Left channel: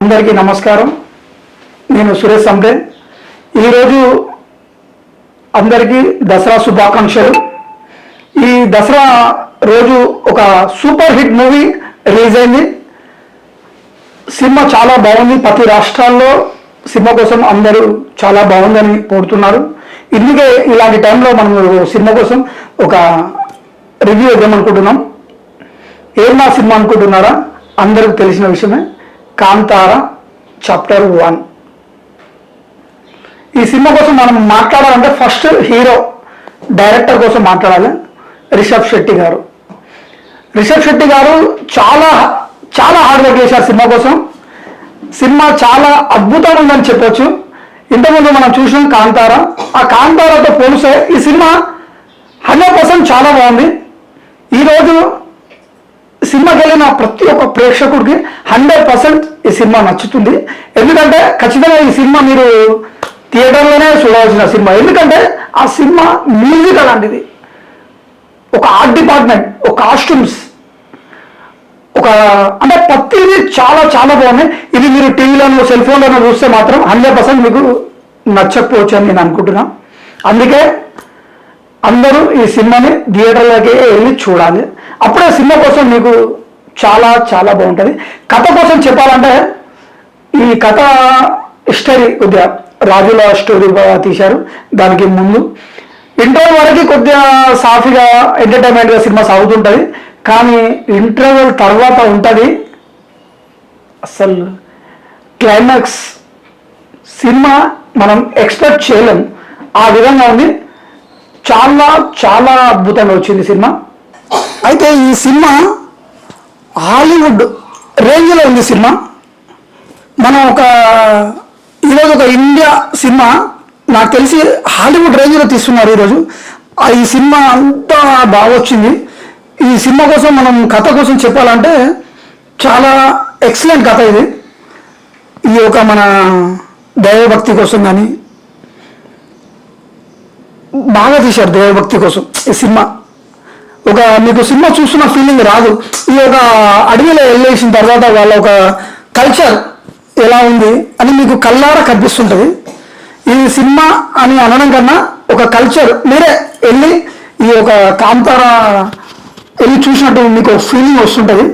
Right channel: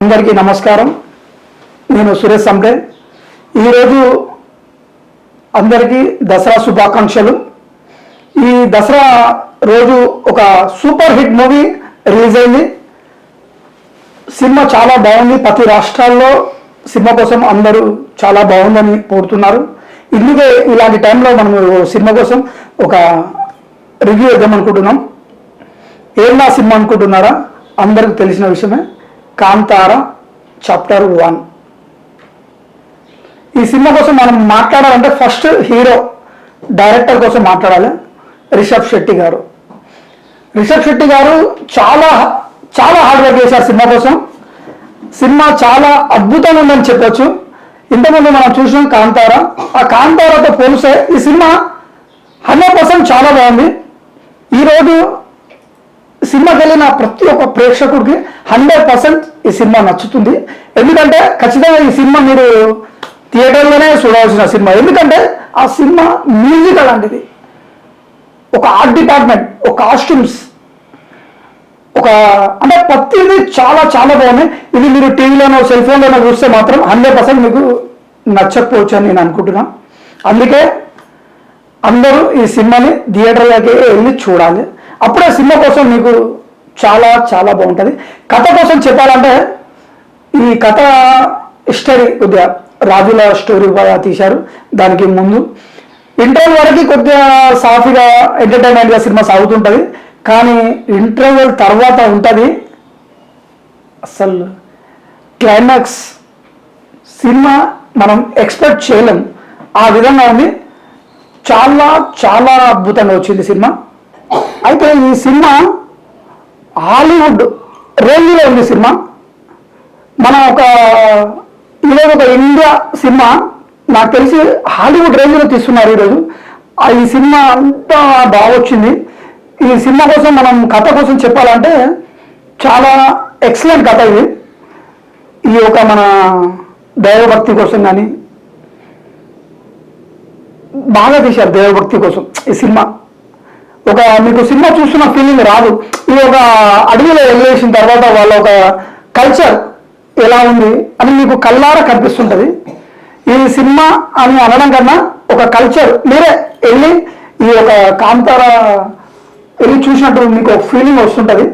అందరికీ నమస్కారం. నేను సురేష్ సంతే. ఈరోజు అందరికీ దసరా శుభాకాంక్షలు. ఈ దసరా రోజు ఒక సూపర్ హిట్ మూవీ రిలీజ్ అయింది. సినిమా చాలా బాగుంది. ప్రతి రాష్ట్రాల్లో సినిమా కోసం అందరూ చాలా బాగుందని కోరుతున్నారు. ఇందుకే ఇలాంటి టైంలో మనం సినిమా కోసం ఒక రివ్యూ ఇద్దామనుకుంటున్నాం. ఏమన్నా సినిమా అనుకుంటున్నారా? అందరికి తెలిసిన విషయమే, కాంతార చాప్టర్ 1. ఈ సినిమా కోసం మనం మాట్లాడాలంటే ఫస్ట్ హీరో డైరెక్టర్ కోసం మాట్లాడాలి. రిషబ్ శెట్టి గారు చాలా చాలా హార్డ్ వర్క్ చేశారు సినిమా కోసం. సినిమా చాలా అద్భుతంగా ఉందని చెప్పొచ్చు. ఇంతకుముందు మనం చూసినాం కాంతార. ఆ కాంతారతో పోలిస్తే ఈ సినిమా 100% చాలా బాగుంది. ఈరోజు సినిమాకి వెళ్ళిన ప్రతి ఒక్క ప్రేక్షకుడికి 100% ఈ సినిమా నచ్చుతుంది. ఎందుకంటే ఖచ్చితంగా ఈ సినిమా మీరు థియేటర్లోనే చూడాల్సిన సినిమా. ఎందుకంటే ఆ సినిమా మ్యూజిక్ అలాంటిది, ఒక ఆర్ట్ డిపార్ట్మెంట్, ఒక కాస్ట్యూమ్స్, ఒక అంటే ప్రతిదీ చాలా చాలా బాగుంది. ఇది మీరు టీవీలోనో సెల్ ఫోన్లోనో చూస్తే మాత్రం 100% మీకు నచ్చకపోవచ్చు అని నేను అనుకుంటున్నా. అందుకే అందరూ ఈ సినిమాని థియేటర్లోకి వెళ్ళి చూడాలి. అప్పుడే సినిమా కోసం మీకు చాలా చాలా బాగుంటుంది. కథ కోసం చెప్పాలంటే ఈ కథ హిస్టరీ కొద్దిగా రాజుల స్టోరీ తీశారు. దానికి ముందు ఇంటర్వ్యూ వరకు కొద్దిగా సాఫీగా ఎంటర్టైన్మెంట్గా సినిమా సాగుతుంటుంది. కానీ ఇంటర్వ్యూ తర్వాత ఉంటుంది అసలు క్లైమాక్స్. సినిమా మనం ఎక్స్పెక్ట్ చేయలేం, ఆ విధంగా ఉంది. చాలా చాలా అద్భుతంగా వచ్చింది సినిమా. అయితే ఈ సినిమా హాలీవుడ్ రేంజ్లో ఉంది సినిమా. మనం ఈరోజు ఒక ఇండియా సినిమా నాకు తెలిసి హాలీవుడ్ రేంజ్లో తీస్తున్నారు ఈరోజు. ఈ సినిమా అంతా బాగా వచ్చింది. ఈ సినిమా కోసం మనం కథ కోసం చెప్పాలంటే చాలా ఎక్సలెంట్ కథ ఇది. ఈ ఒక మన దైవభక్తి కోసం కానీ బాగా తీశారు. దైవభక్తి కోసం ఈ సినిమా మీకు సినిమా చూస్తున్న ఫీలింగ్ రాదు. ఇది ఒక అడవిలో వెళ్ళేసిన తర్వాత వాళ్ళ ఒక కల్చర్ ఎలా ఉంది అని మీకు కళ్ళారా కనిపిస్తుంటుంది. ఈ సినిమా అని అనడం కన్నా ఒక కల్చర్ మీరే వెళ్ళి ఈ ఒక కాంతార వెళ్ళి చూసినట్టు మీకు ఒక ఫీలింగ్ వస్తుంటుంది.